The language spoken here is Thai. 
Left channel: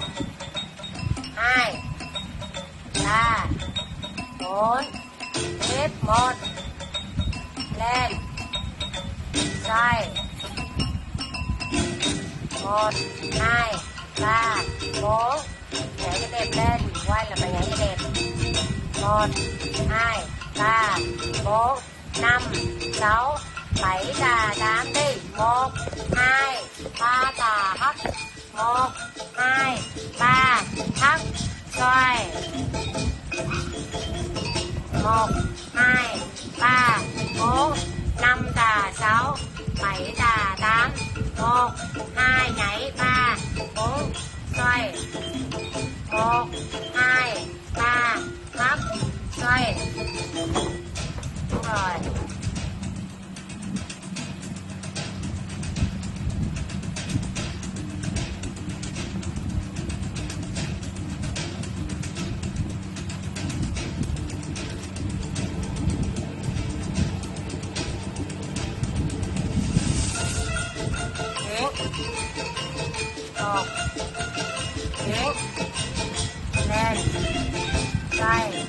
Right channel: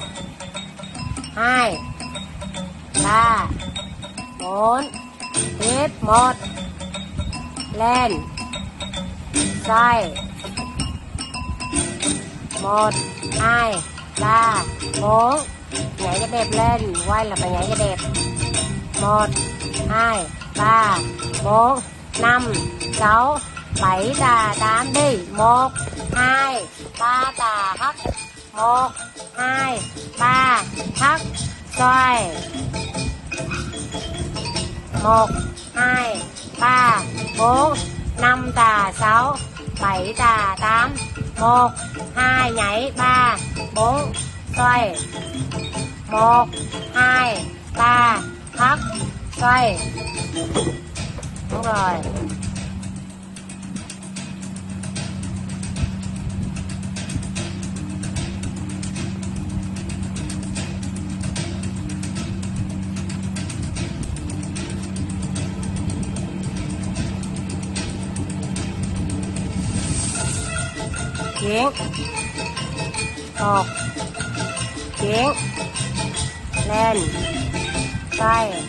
กให้ตาโอนติดหมดเล่นใส่หมดให้ตาโบงไหนกระเด็บเล่นไว้แล้วไปไหนกระเด็บหมดให้ตาโบงนำเสาไปตาตามดิหมกให้ตาตาฮักหมกให้ตาฮักซอยหมกให้ตาโบงนำตาเสาไปตาตามหมกให้ไหนตาโบงซอยหมกให้ตาฮักซอยrồi tiếng học tiếng lên tay